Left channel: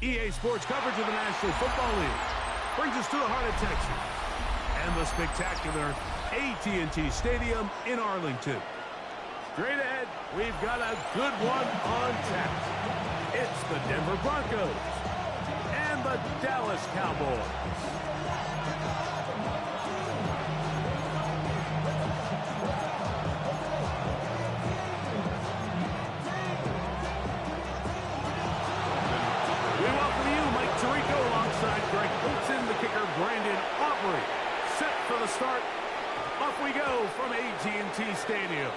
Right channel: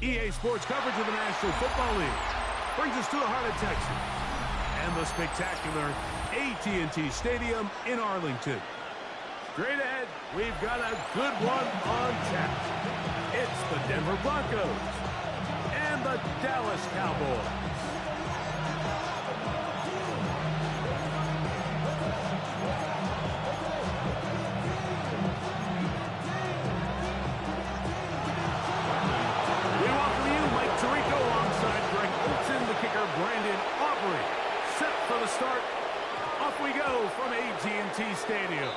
EA Sports coverage of the National Football League brings us to the heart of Texas and the spectacular AT&T Stadium in Arlington. Straight ahead, we've got a good one on tap. It's the Denver Broncos and the Dallas Cowboys. Tirico alongside Greg Olsen, the kicker Brandon Aubrey. Set for the start. Off we go from AT&T Stadium.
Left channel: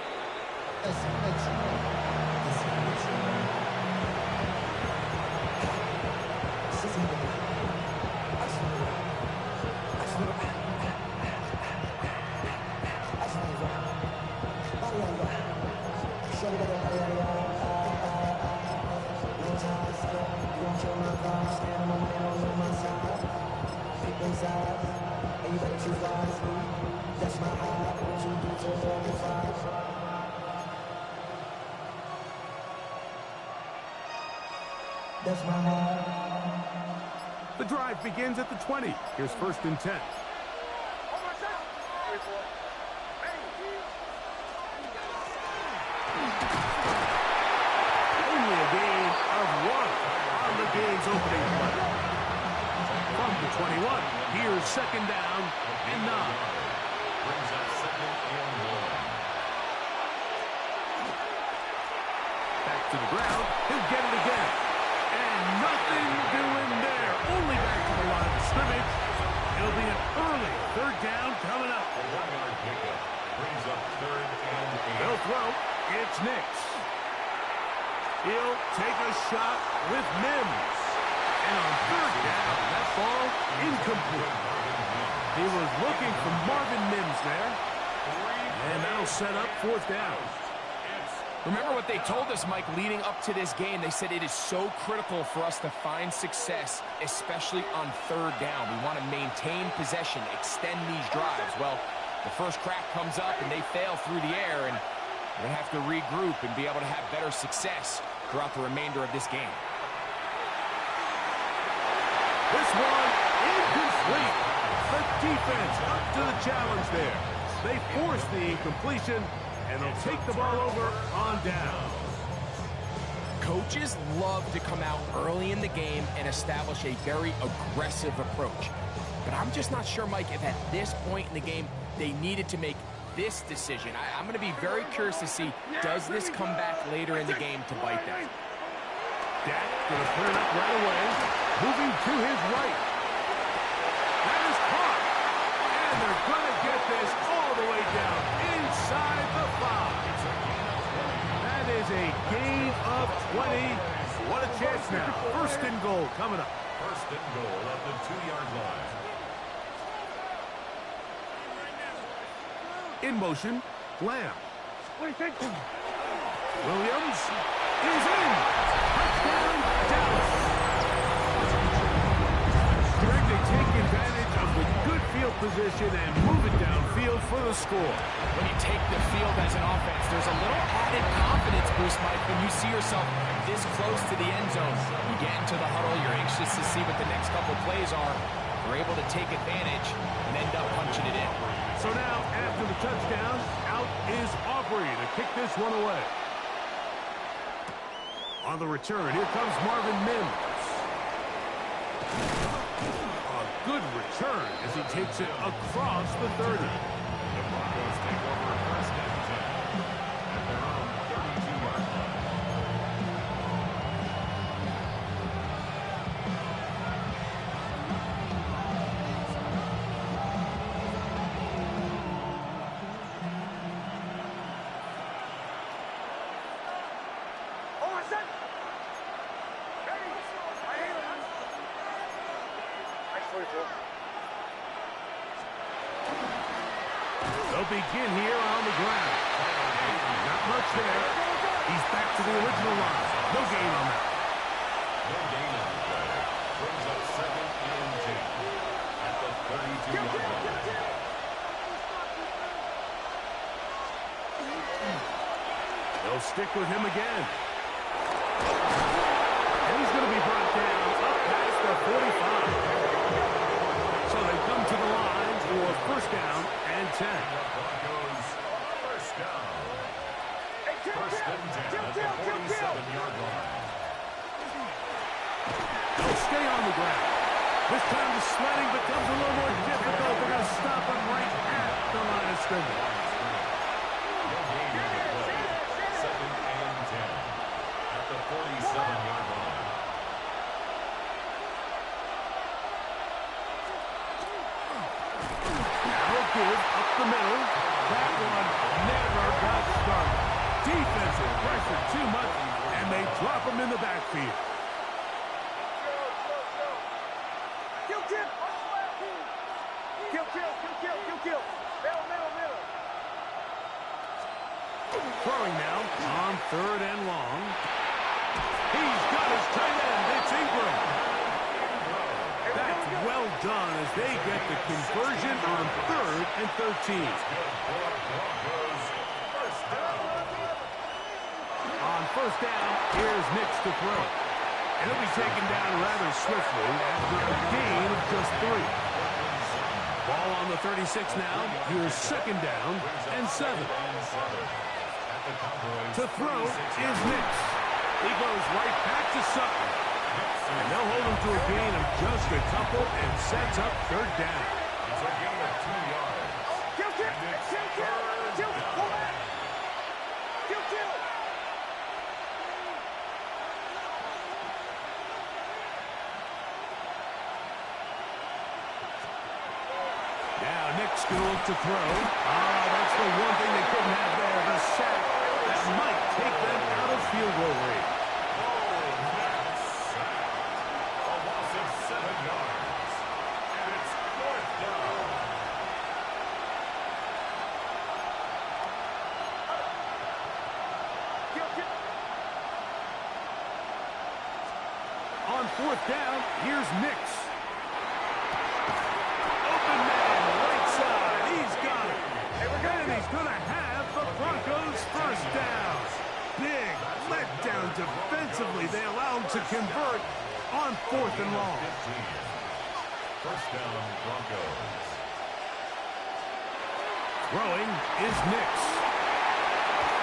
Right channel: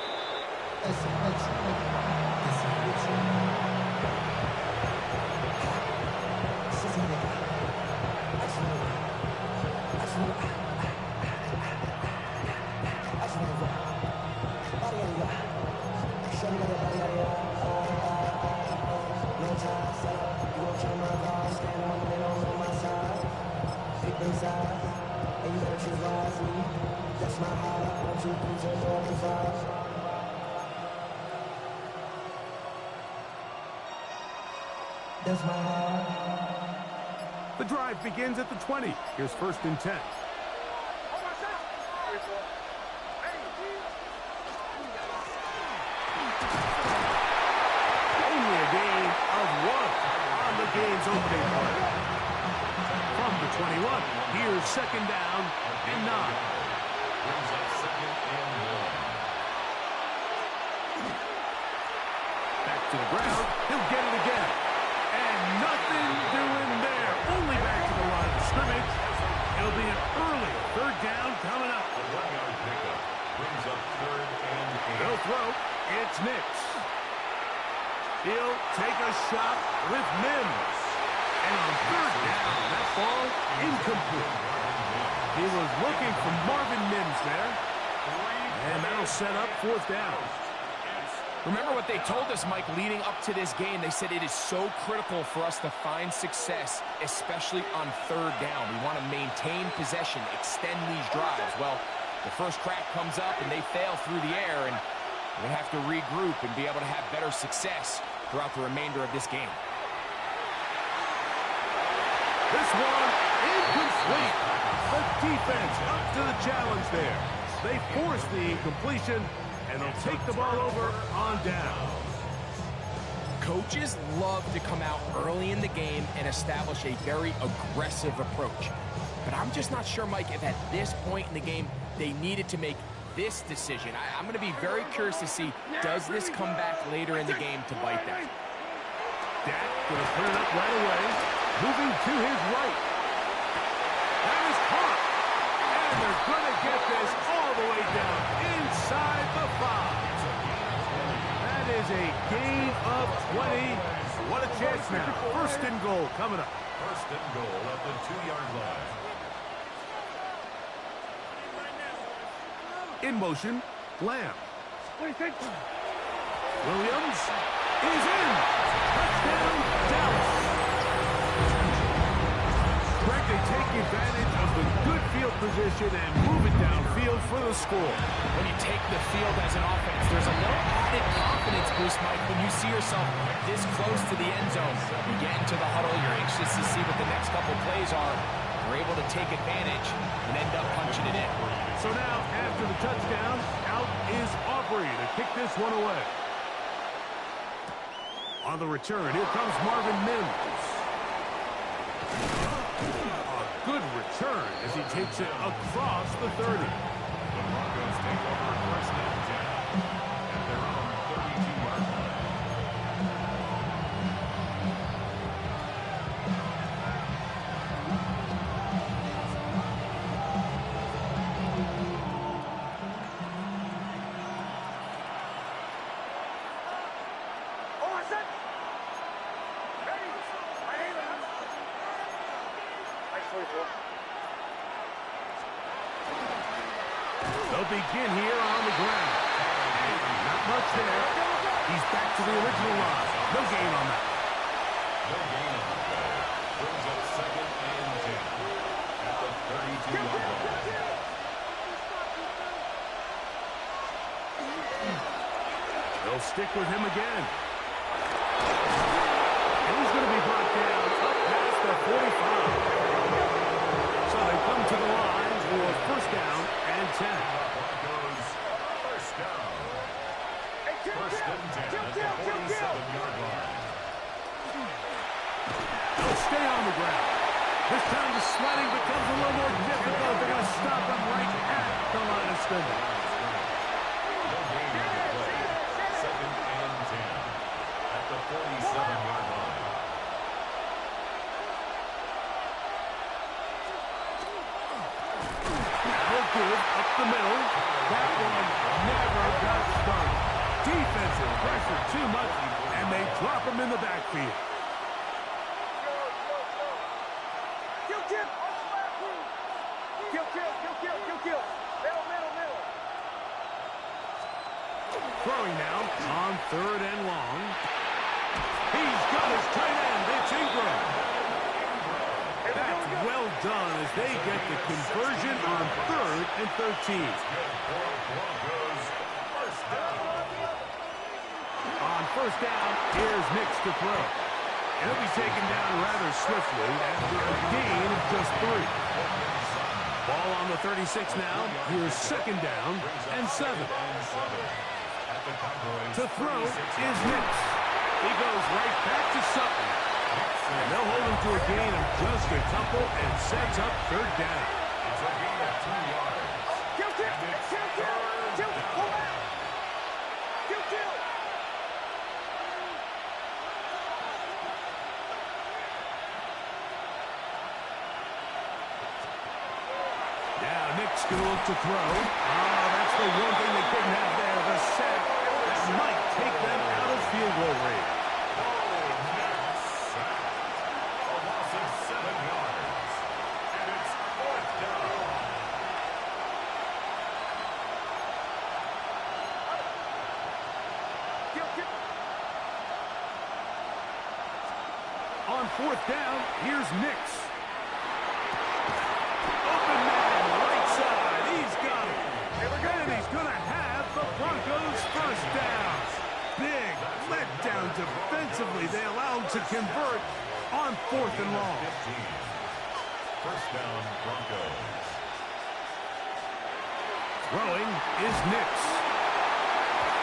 And you better choose wisely. That's my heart. 1, 2, 3, 4, 5. That's my heart. The drive begins at the 20. Here's 1st and 10. Only a gain of 1 on the game's opening play. From the 21, here's 2nd down and 9. Brings up 2nd and 1. Back to the ground. He'll get it again. And nothing doing there. Only back to the line of scrimmage. It'll be an early 3rd down coming up. A 1-yard pickup brings up 3rd and 8. They'll throw. It's Nix. He'll take a shot with Mims. And on 3rd down, that ball incomplete. He was looking for Marvin Mims there. And that'll set up 4th down. Remember what they told us, Mike, leading up to this game. They said it is so critical for us to find success, especially on 3rd down. We want to maintain possession, extend these drives. Well, the first crack comes up and they fail through the air, and we're going to have to regroup and be able to have better success throughout the remainder of this game. This one incomplete. The defense up to the challenge there. They force the incompletion, and they'll take the ball over on down. Coaches love to come out early in the game and establish a very aggressive approach. But I'm just not sure, Mike, if at this point in the game they needed to make this decision. I'm going to be very curious to see, does this come back later in the game to bite them? Dak going to put it up right away. Moving to his right. That is caught. And they're going to get this all the way down inside the 5. That is a gain of 20. What a chance now. 1st and goal coming up. 1st and goal at the 2-yard line. In motion, Lamb. Williams is in. Touchdown, Dallas. Greg, they take advantage of the good field position and move it downfield for the score. When you take the field as an offense, there's a little added confidence boost, Mike, when you see yourself this close to the end zone. You get into the huddle, you're anxious to see what the next couple plays are. You're able to take advantage and end up punching it in. So now, after the touchdown, out is Aubrey to kick this one away. On the return, here comes Marvin Mims. A good return as he takes it across the 30. The Broncos take over 1st and 10 at their own 32-yard line. They'll begin here on the ground. Not much there. He's back to the original line. No gain on that. No gain on the play. Brings up 2nd and 10 at the 32-yard line. They'll stick with him again. And he's going to be brought down up 45. So they come to the line for first down and 10. Broncos first down. First and 10 at the 47-yard line. They'll stay on the ground. This time the sledding becomes a little more difficult. They're going to stop him right at the line of scrimmage. No gain on the play. Second and 10 at the 47-yard line. Now give up the middle. That one never got started. Defensive pressure too much, and they drop him in the backfield. Kill. Middle. Throwing now on third and long. He's got his tight end. It's Ingram. That's well done as they get the conversion on third and 13. On first down, here's Nix to throw. And he'll be taken down rather swiftly after a gain of just 3. Ball on the 36 now. Here's second down and 7. To throw is Nix. He goes right back to Sutton. And they'll hold him to a gain of just a couple and sets up third down. It's a gain of 2 yards. Now Nick's going to look to throw. That's the one thing they couldn't have there, the sack. That might take them out of field goal range. A loss of 7 yards. And it's fourth down. On fourth down, here's Nix. Open man, right side. He's got it. And he's going to have the Broncos first down. Big letdown defensively. They allow him to convert on fourth and long. First down, Broncos. Throwing is Nix.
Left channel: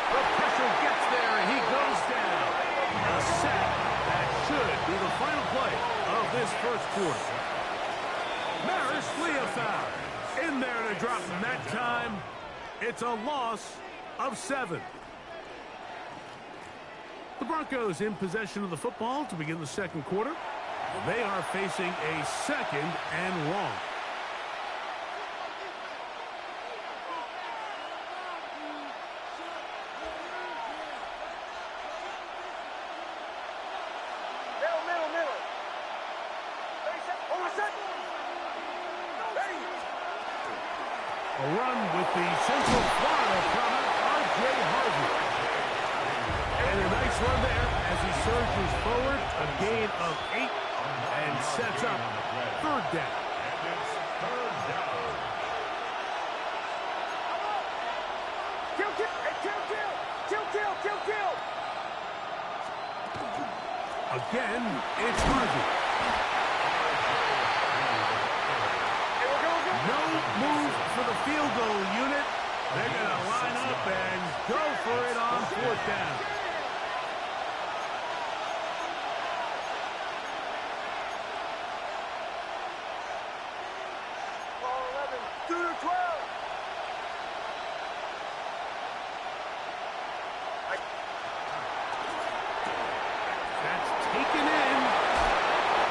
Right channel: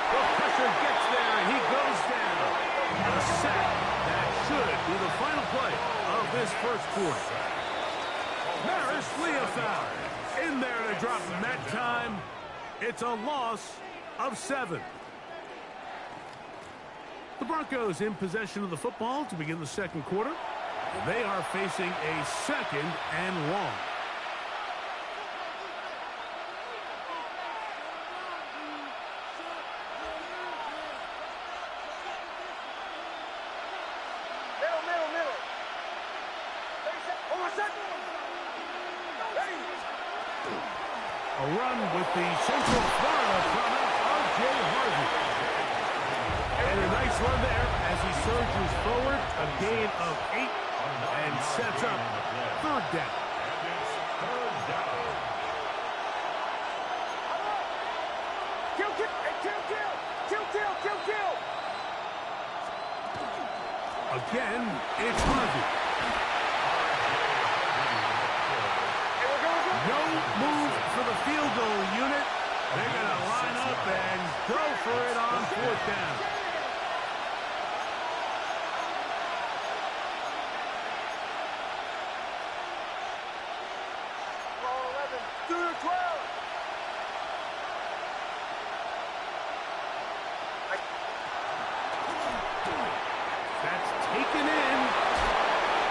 The pressure gets there, and he goes down. A sack that should be the final play of this first quarter. Maris Leofau in there to drop him that time. It's a loss of 7. The Broncos in possession of the football to begin the second quarter. They are facing a second and long. Middle. 37. Oh, my son. Ready. A run with the Central Florida runner, R.J. Harvey. And a nice run there as he surges forward, a gain of 8, and sets up third down. And it's third down. Kill. Again, it's Harvey. No move for the field goal unit. They're going to line up and go for it on fourth down. That's taken in.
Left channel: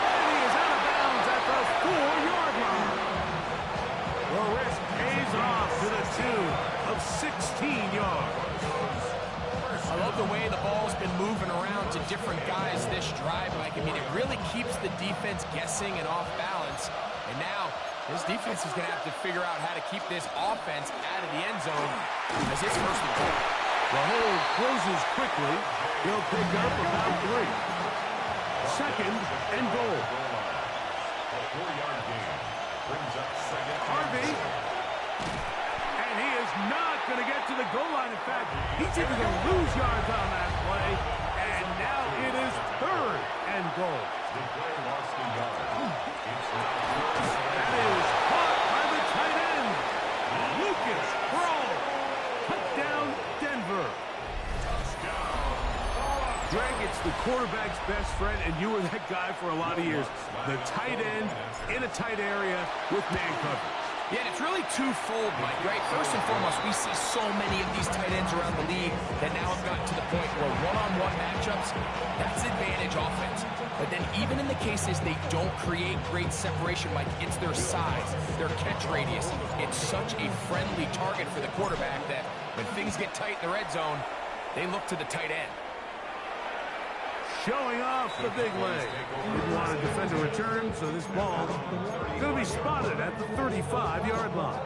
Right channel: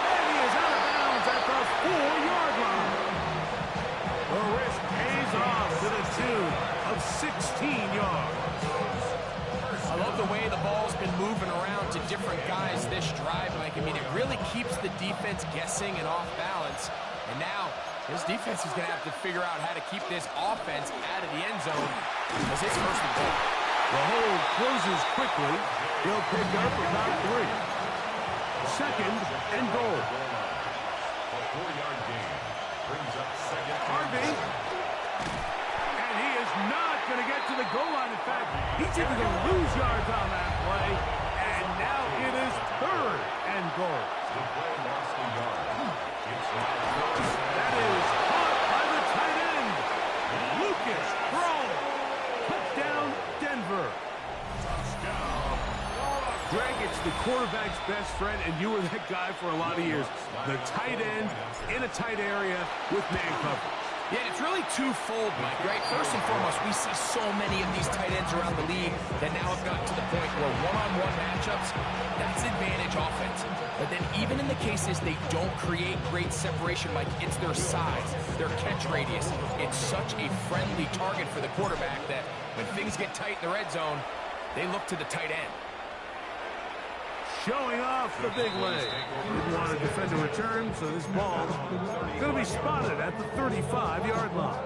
And he is out of bounds at the 4-yard line. The risk pays off to the tune of 16 yards. I love the way the ball's been moving around to different guys this drive, Mike. I mean, it really keeps the defense guessing and off balance. And now, this defense is going to have to figure out how to keep this offense out of the end zone as it's first and goal. The hold closes quickly. He'll pick up about 3. Second and goal. A 4-yard gain brings up second. Harvey. And he is not going to get to the goal line. In fact, he's even going to lose yards on that play. And now it is third and goal. The play lost a yard. It's now first. That is caught by the tight end, Lucas Krull. Touchdown, Denver. Touchdown. Greg, it's the quarterback's best friend, and you were that guy for a lot of years. The tight end in a tight area with man coverage. Yeah, and it's really twofold, Mike, right? First and foremost, we see so many of these tight ends around the league that now have gotten to the point where one-on-one matchups, that's advantage offense. But then even in the cases they don't create great separation, Mike, it's their size, their catch radius. It's such a friendly target for the quarterback that when things get tight in the red zone, they look to the tight end. Showing off the big leg. Didn't want to defend a return, so this ball's going to be spotted at the 35-yard line.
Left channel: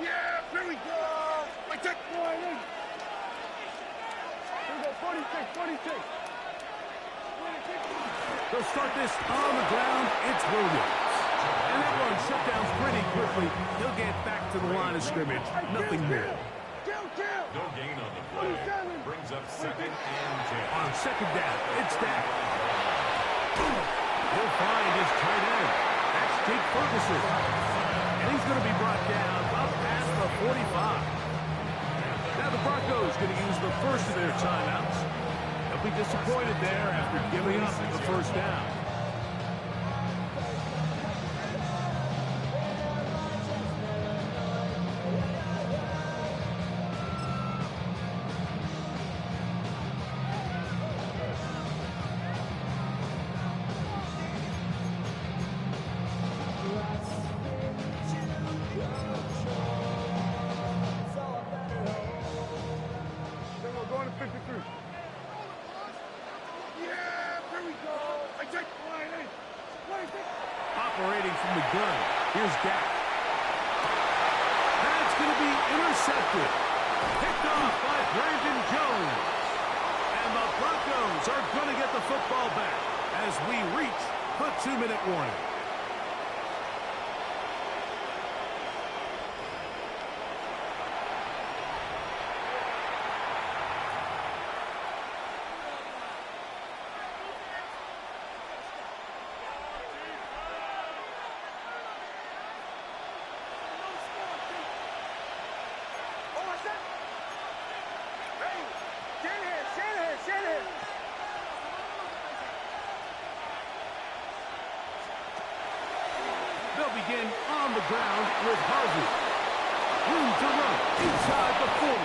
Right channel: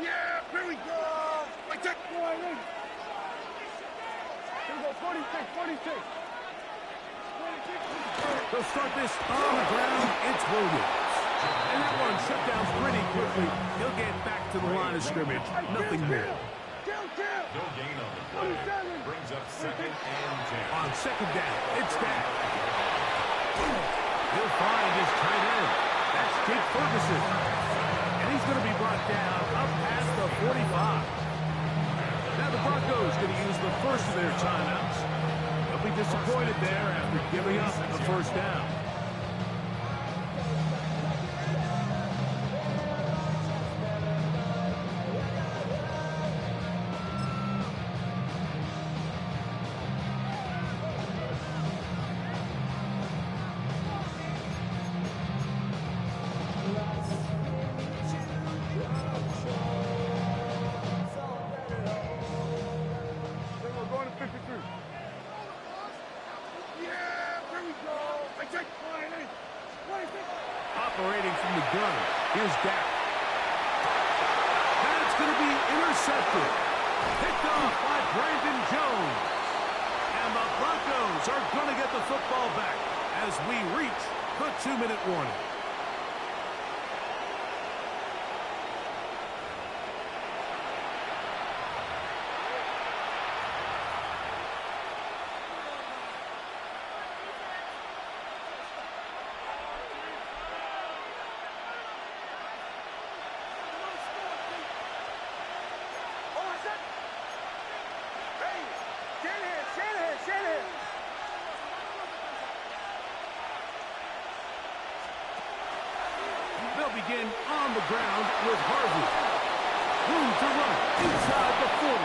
Yeah, here we go. I take one. Here we go, 46, 46. They'll start this on the ground. It's Williams. And that one shut down pretty quickly. He'll get back to the line of scrimmage. Nothing more. No gain on the play. Brings up second and 10. On second down, it's Dak. He'll find his tight end. That's Jake Ferguson. And he's going to be brought down up past the 45. Now the Broncos going to use the first of their timeouts. They'll be disappointed there after giving up the first down. We're going to 53. Yeah, here we go. I take one. Operating from the gun, here's Dak. That's going to be intercepted. Picked off by Brandon Jones. And the Broncos are going to get the football back as we reach the 2-minute warning. Shanahan. They'll begin on the ground with Harvey. Room to run inside the 40.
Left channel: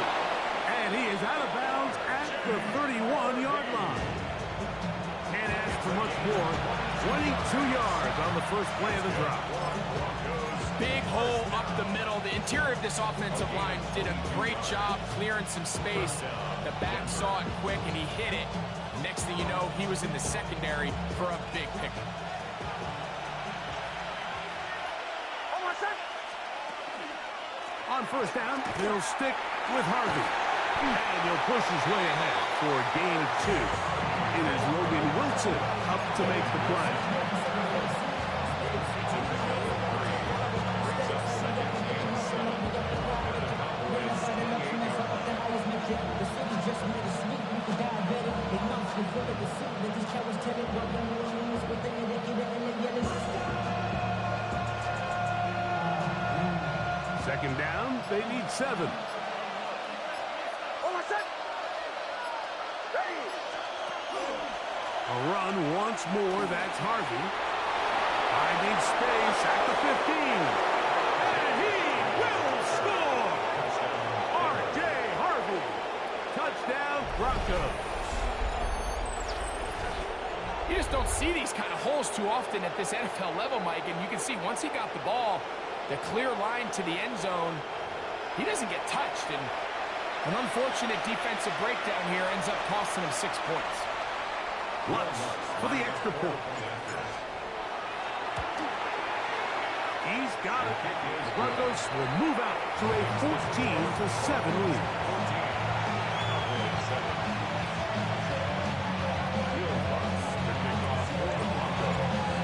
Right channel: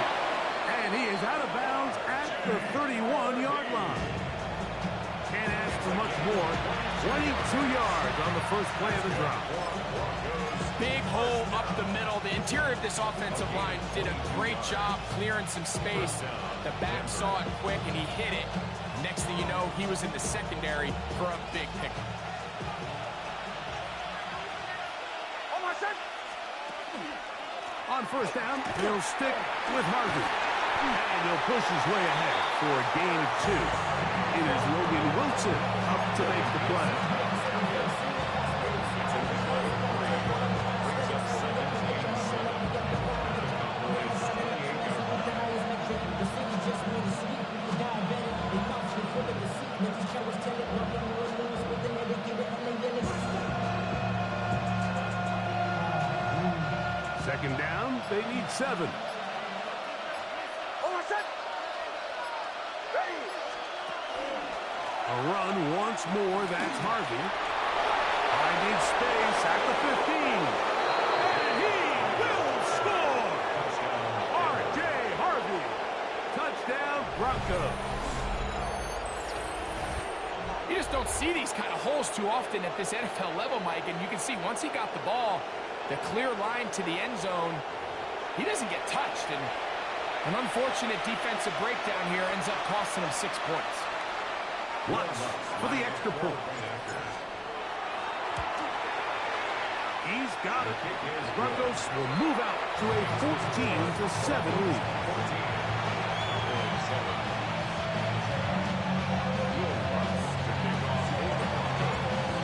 And he is out of bounds at the 31-yard line. Can't ask for much more. 22 yards on the first play of the drop. Big hole up the middle. The interior of this offensive line did a great job clearing some space. The back saw it quick, and he hit it. Next thing you know, he was in the secondary for a big pickup. On first down, he'll stick with Harvey. And he'll push his way ahead for a gain of 2. It is Logan Wilson up to make the play. The city just made a sweep. People diabetic. They mouths get full of deceit. Let these cowards tell it. Welcome to New Orleans with the indicator and the yellow. Second down, they need 7. A run once more, that's Harvey. Finding space at the 15. And he will score! R.J. Harvey. Touchdown, Broncos. You just don't see these kind of holes too often at this NFL level, Mike, and you can see once he got the ball, the clear line to the end zone, he doesn't get touched, and an unfortunate defensive breakdown here ends up costing him 6 points. Lutz for the extra point. He's got it. The Broncos will move out to a 14-7 lead.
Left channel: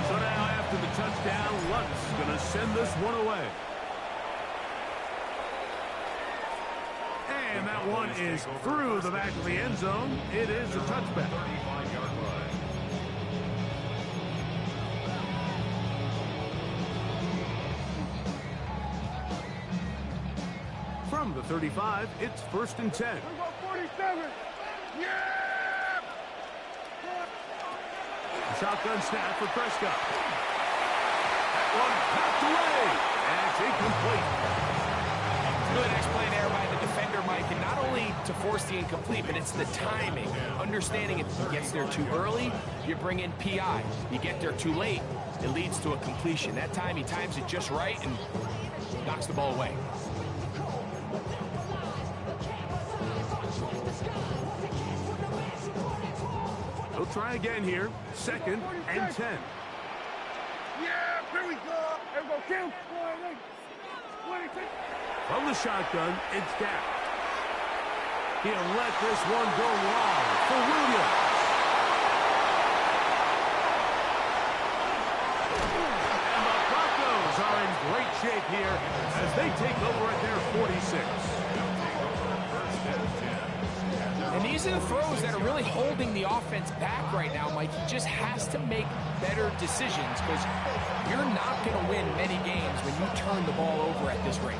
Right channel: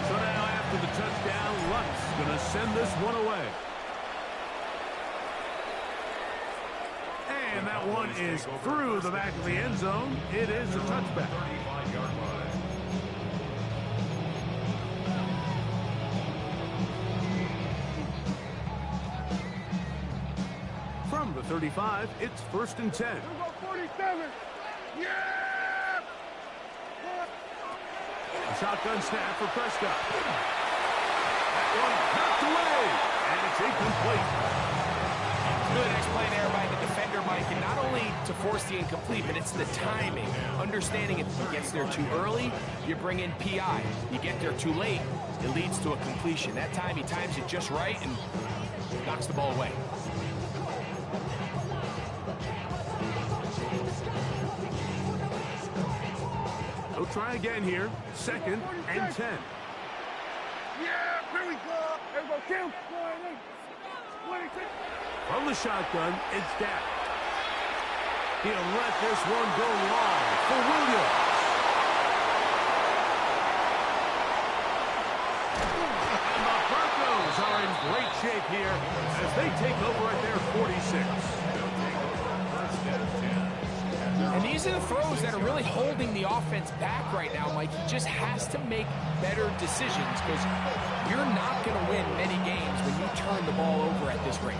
So now the touchdown. Lutz going to send this one away. And that one is through the back of the end zone. It is a touchback. 35-yard line. From the 35, it's 1st and 10. 47. Yeah! A shotgun snap for Prescott. That one knocked away, and it's incomplete. Really nice play there by the defender, Mike, and not only to force the incomplete, but it's the timing. Understanding if he gets there too early, you bring in PI. You get there too late, it leads to a completion. That time, he times it just right and knocks the ball away. They'll try again here. 2nd and 10. Yeah, here we go. Here we go. Kill. From the shotgun, it's Dak. He'll let this one go long for Williams. And the Broncos are in great shape here as they take over at their 46. And these are the throws that are really holding the offense back right now, Mike. He just has to make better decisions because you're not going to win many games when you turn the ball over at this rate.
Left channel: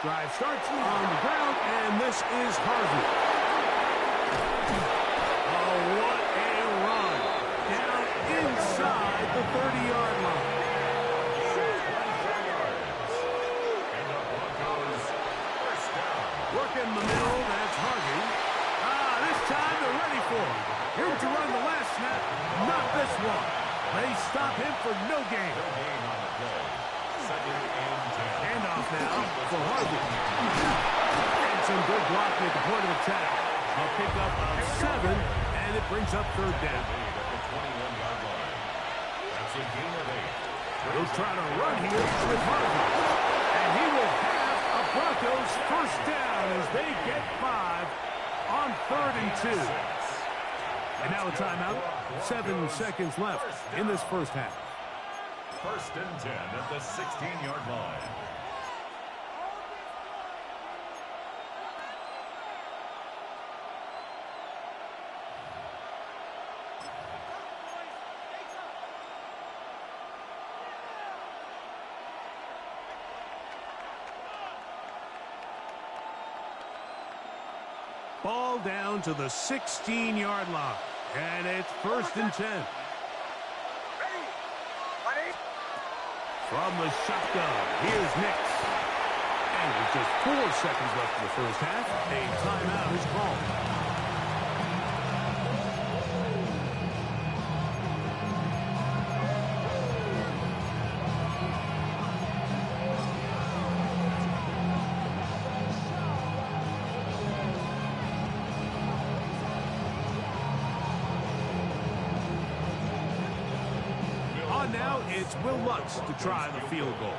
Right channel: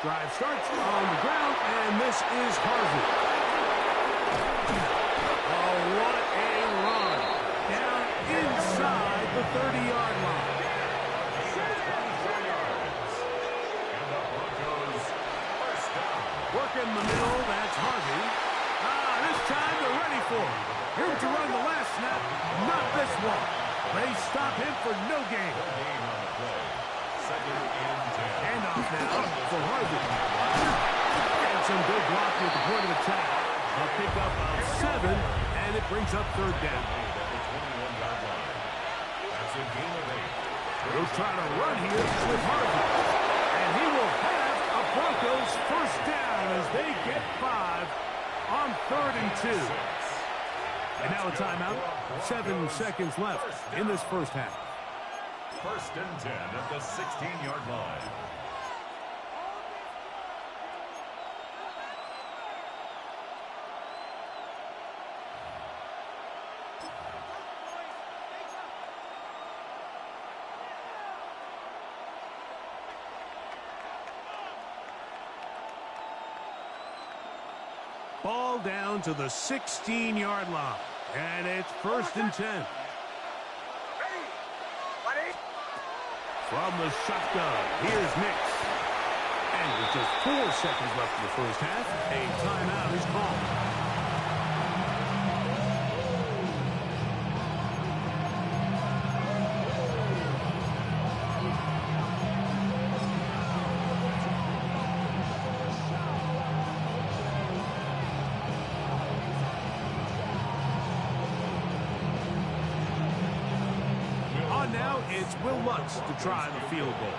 Drive starts on the ground, and this is Harvey. Oh, what a run. Down inside the 30-yard line. 24 yards. And the Broncos first down. Working the middle, that's Harvey. This time they're ready for him. Him to run the last snap, not this one. They stop him for no gain. No gain on the play. 2nd and 10. Handoff now for Harvey. And some good blocking at the point of attack. A pickup of 7, and it brings up 3rd down. Made at the 21-yard line. That's a gain of 8. He'll try to run here with Harvey. And he will have a Broncos first down as they get 5 on 3rd and 2. And now a timeout. 7 seconds left in this first half. 1st and 10 at the 16-yard line. Ball down to the 16-yard line. And it's 1st and 10. From the shotgun, here's Nix. And with just 4 seconds left in the first half, a timeout is called. Now it's Will Lutz to try the field goal.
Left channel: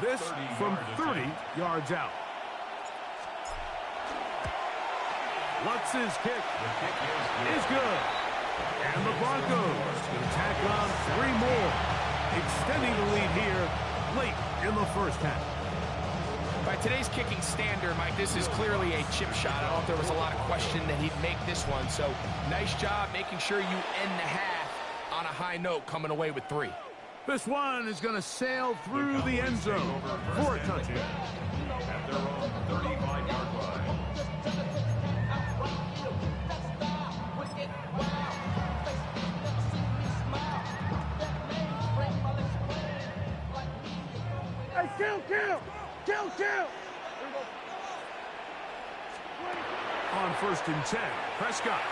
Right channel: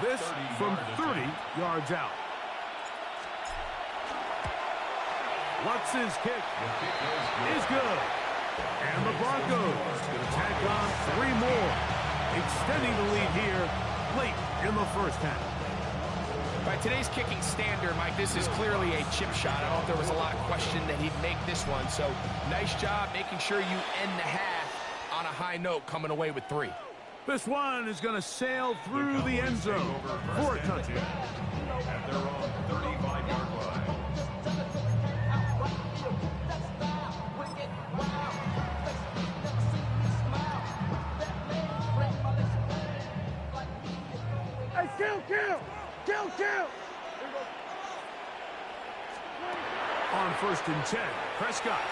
This from 30 yards out. Lutz's kick is good. And the Broncos going to tack on 3 more, extending the lead here late in the first half. By today's kicking standard, Mike, this is clearly a chip shot. I don't know if there was a lot of question that he'd make this one. So nice job making sure you end the half on a high note, coming away with 3. This one is going to sail through the end zone for a touchdown. At their own 35-yard line. Hey, kill! On 1st and 10, Prescott.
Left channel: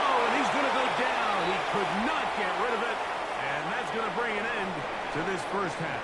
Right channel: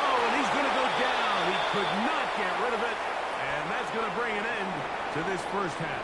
Oh, and he's going to go down. He could not get rid of it. And that's going to bring an end to this first half.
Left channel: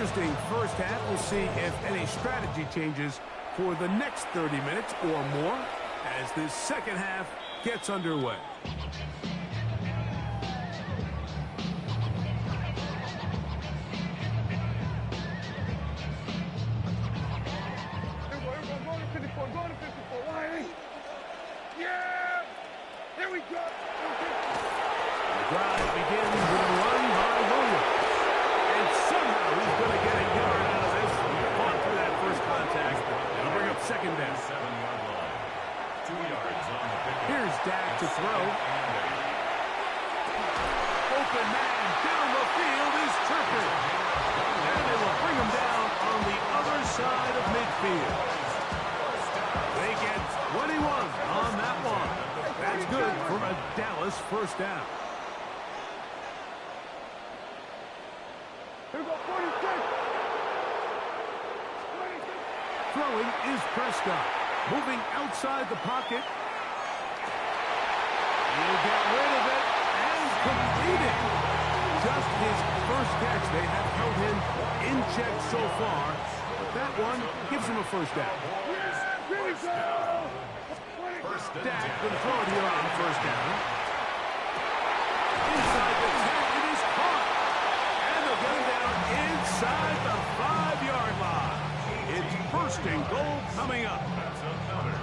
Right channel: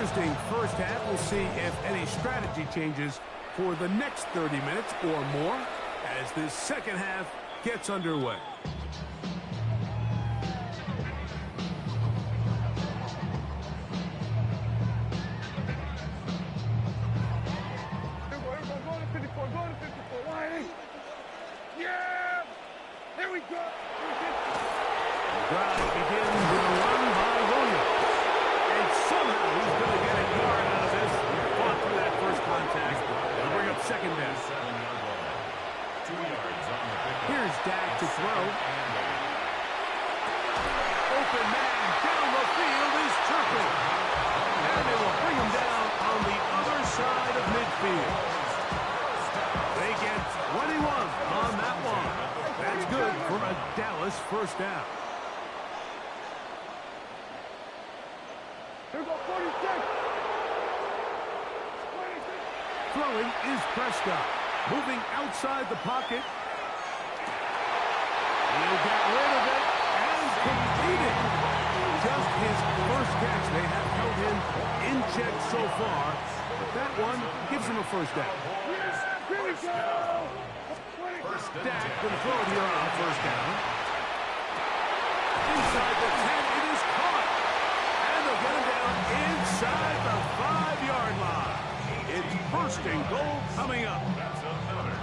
interesting first half. We'll see if any strategy changes for the next 30 minutes or more as this second half gets underway. Go to 54, go to 54, Wiley. Yeah! Here we go! The drive begins with a run by Williams. And somehow he's going to get a yard out of this. He fought through that first contact. It'll bring up second down. 7-yard line. 2 yards on the pickup. Here's Dak to throw. Open man down the field is Turpin. And they will bring him down on the other side of midfield. They get 21 on that one. That's good for a Dallas first down. Here we go, 46. Throwing is Prescott. Moving outside the pocket. He'll get rid of it and complete it. Just his first catch. They have held him in check so far, but that one gives him a first down. Here we go. Dak going to throw it here on first down. Inside the 10, it is caught. And they'll get him down inside the 5-yard line. It's first and goal coming up.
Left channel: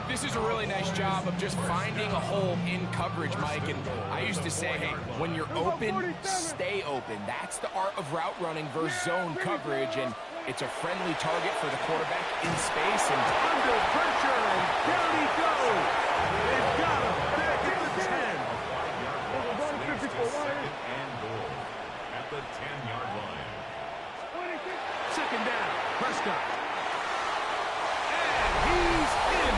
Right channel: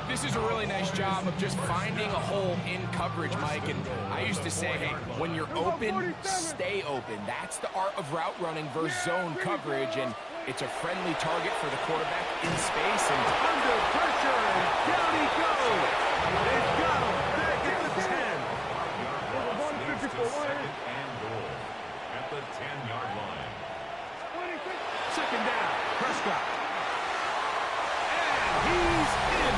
This is a really nice job of just finding a hole in coverage, Mike. And I used to say, hey, when you're open, stay open. That's the art of route running versus zone coverage. And it's a friendly target for the quarterback in space. And under pressure, and down he goes. They've got him back at the 10. 5-yard loss leads to second and goal at the 10-yard line. Second down, Prescott. And he's in.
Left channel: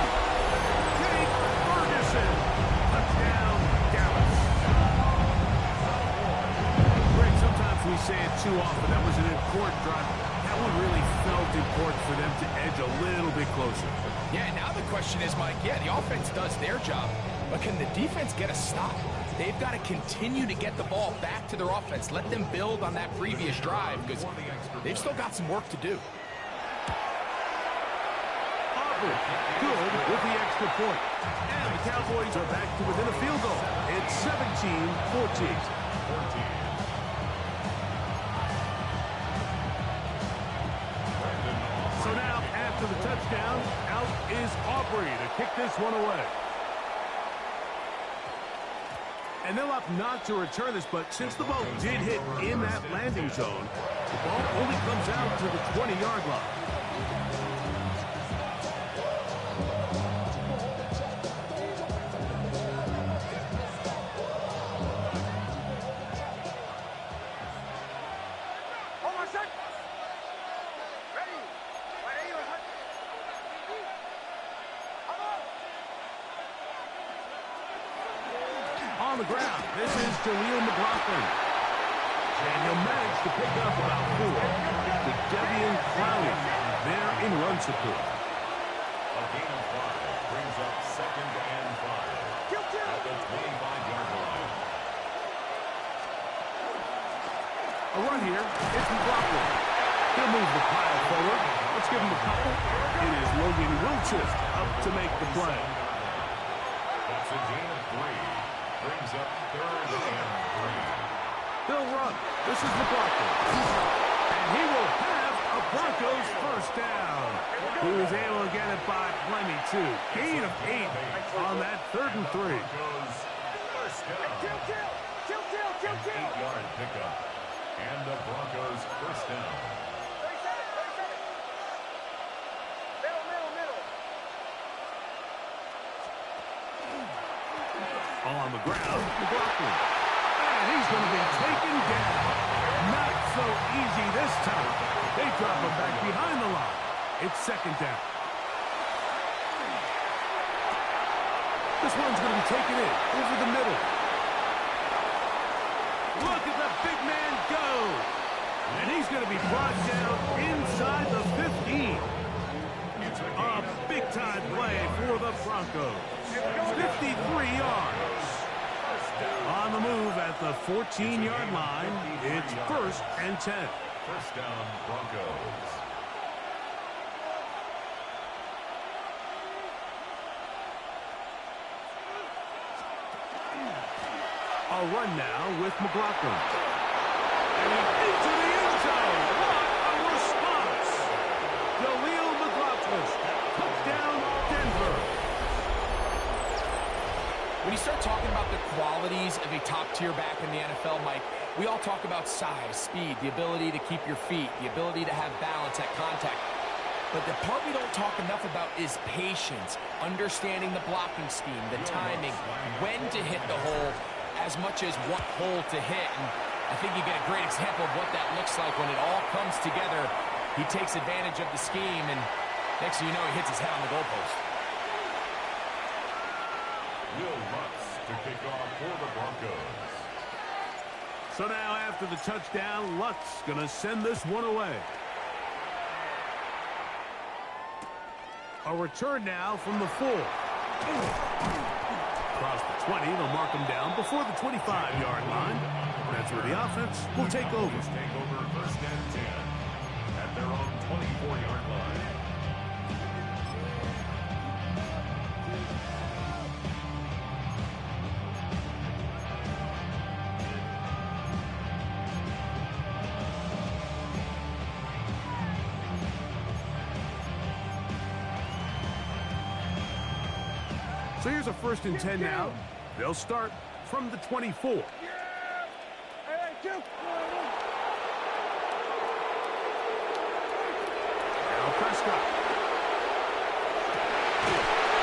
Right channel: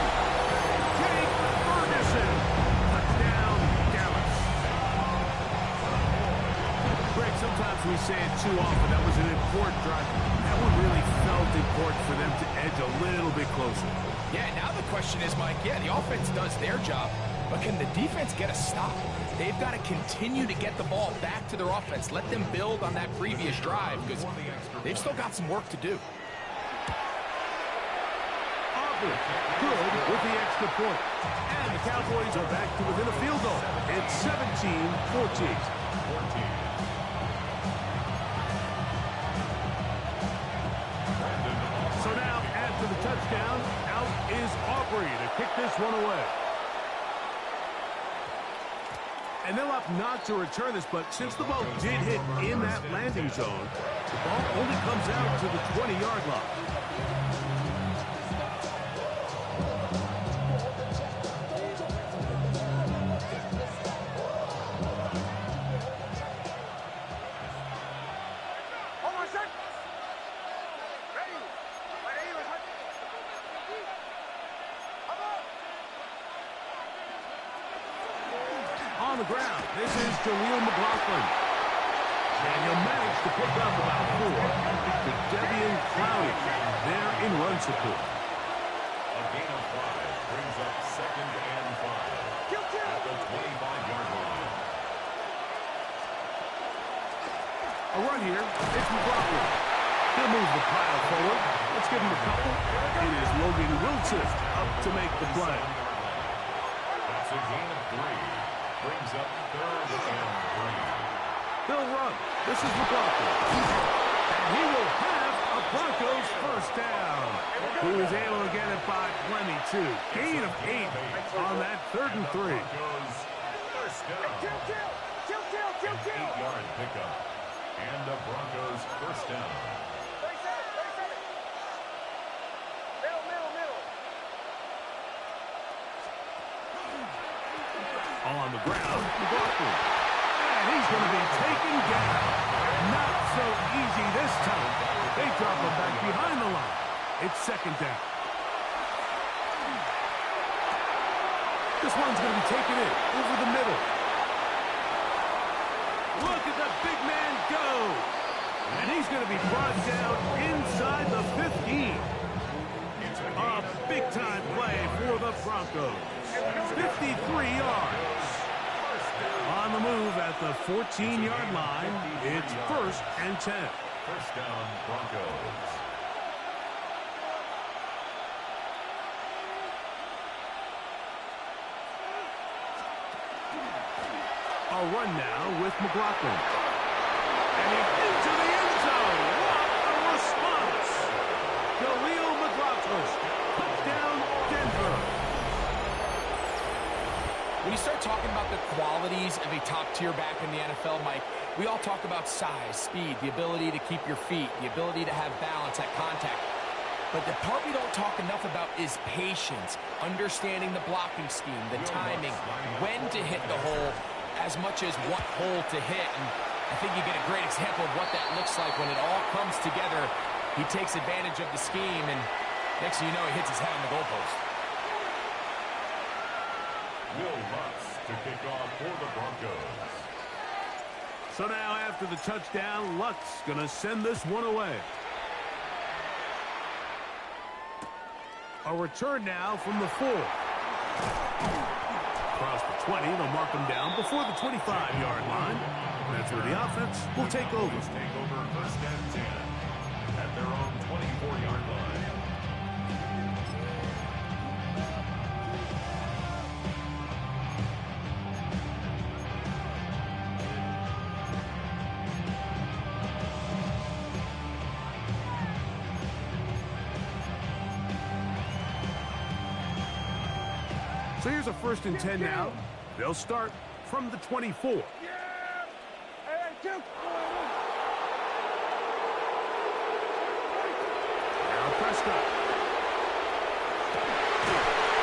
Jake Ferguson. Touchdown, Dallas. Greg, sometimes we say it too often. That was an important drive. That one really felt important for them to edge a little bit closer. yeah, now the question is, Mike, yeah, the offense does their job, but can the defense get a stop? They've got to continue to get the ball back to their offense. Let them build on that previous drive because they've still got some work to do. Aubrey, good with the extra point. And the Cowboys are back to within a field goal. It's 17-14. So now, after the touchdown, out is Aubrey to kick this one away. And they'll opt not to return this, but since the ball did hit in that landing zone, the ball only comes out to the 20-yard line. On the ground, this is Jaleel McLaughlin. And he'll manage to pick up about 4 to Devian Clowney there in run support. A gain of 5 brings up second and 5 at the 25-yard line. A run here, it's McLaughlin. He'll move the pile forward. Let's give him a couple. It is Logan Wilson up to make the play. That's a gain of 3. Brings up third and 3. He'll run. This is McLaughlin. And he will have a Broncos first down. He was able to get it by plenty, too. Gain of 8 on that 3rd and 3. Broncos first down. An 8-yard pickup. And the Broncos first down. On the ground, McLaughlin. And he's going to be taken down. Not so easy this time. They drop him back behind the line. It's second down. This one's going to be taken in over the middle. Look at the big man go. And he's going to be brought down inside the 15. A big-time play for the Broncos. 53 yards. On the move at the 14-yard line, it's 1st and 10. First down, Broncos. A run now with McLaughlin. And he's into the end zone. What a response. Khalil McLaughlin. Touchdown, Denver. When you start talking about the qualities of a top-tier back in the NFL, Mike, we all talk about size, speed, the ability to keep your feet, the ability to have balance at contact. But the part we don't talk enough about is patience, understanding the blocking scheme, the timing, when to hit the hole, as much as what hole to hit. And I think you get a great example of what that looks like when it all comes together. He takes advantage of the scheme, and next thing you know, he hits his head on the goalpost. Will Lutz to kick off for the Broncos. So now after the touchdown, Lutz going to send this one away. A return now from the 4. Across the 20, they'll mark him down before the 25-yard line. That's where the offense will take over. Take over first and 10 at their own 24-yard line. So here's a first and 10 now. They'll start from the 24. Yeah! Hey, Duke! Now Prescott.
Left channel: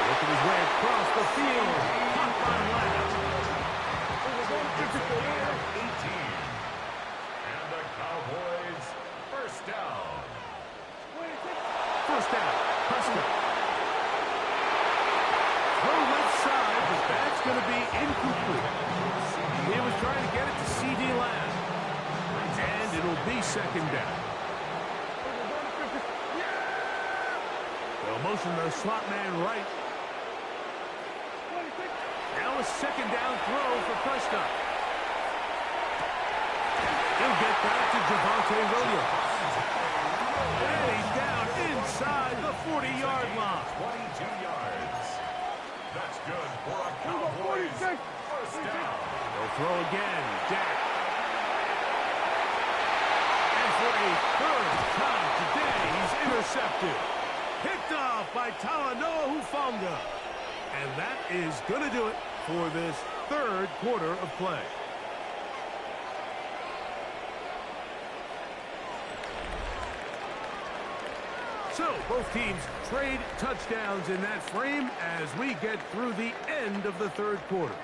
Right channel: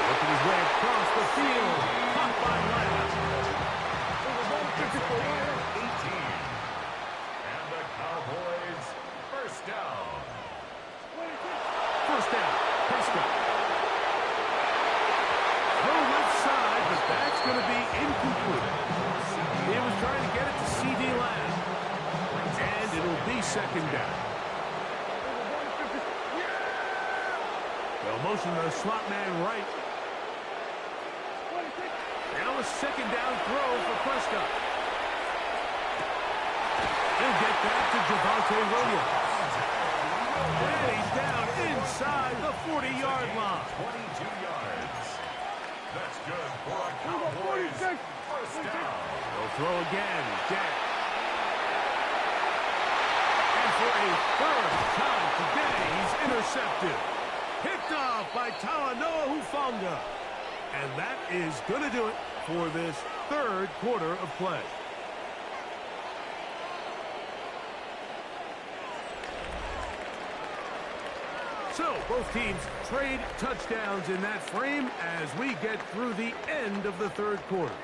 Working his way across the field. Caught by Lamb. 18. And the Cowboys first down. First down. Prescott. Throw left side, but that's going to be incomplete. He was trying to get it to C.D. Lamb. And it'll be second down. They'll motion the slot man right. Now a second down throw for Prescott. He'll get that to Javonte Williams. And he's down inside the 40-yard line. 22 yards. That's good for a Cowboys first down. They'll throw again. Dak. And for a third time today, he's intercepted. Picked off by Talanoa Hufanga. And that is going to do it for this third quarter of play. So, both teams trade touchdowns in that frame as we get through the end of the third quarter.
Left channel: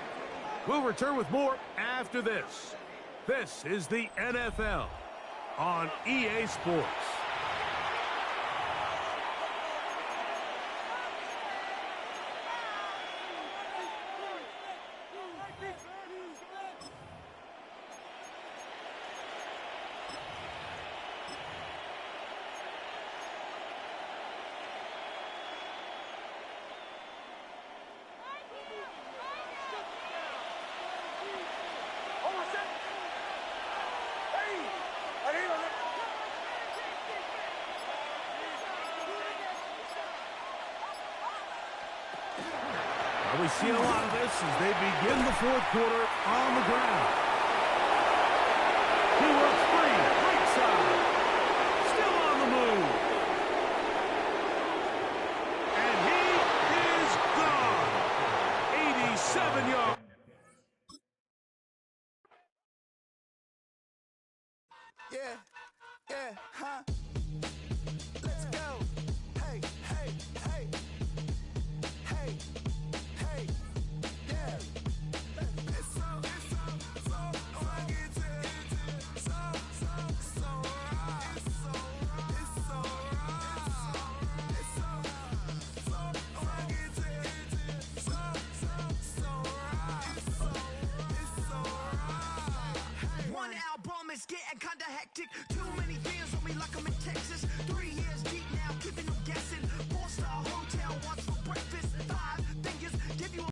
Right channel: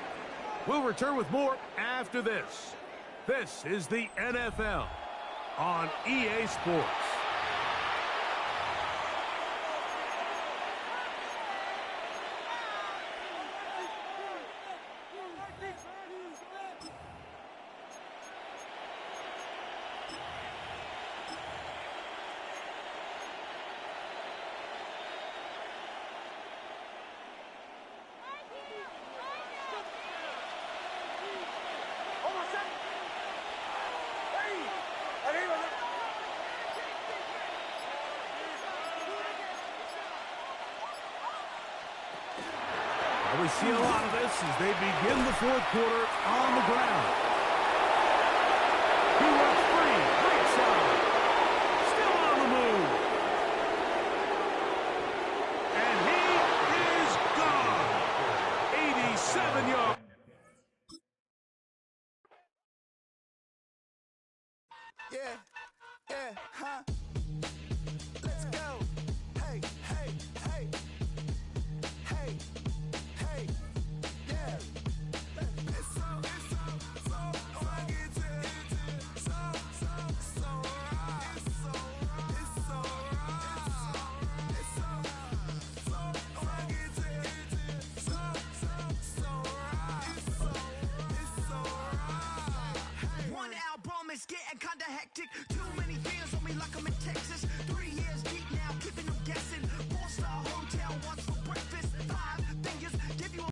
We'll return with more after this. This is the NFL on EA Sports. We see a lot of this as they begin the fourth quarter on the ground.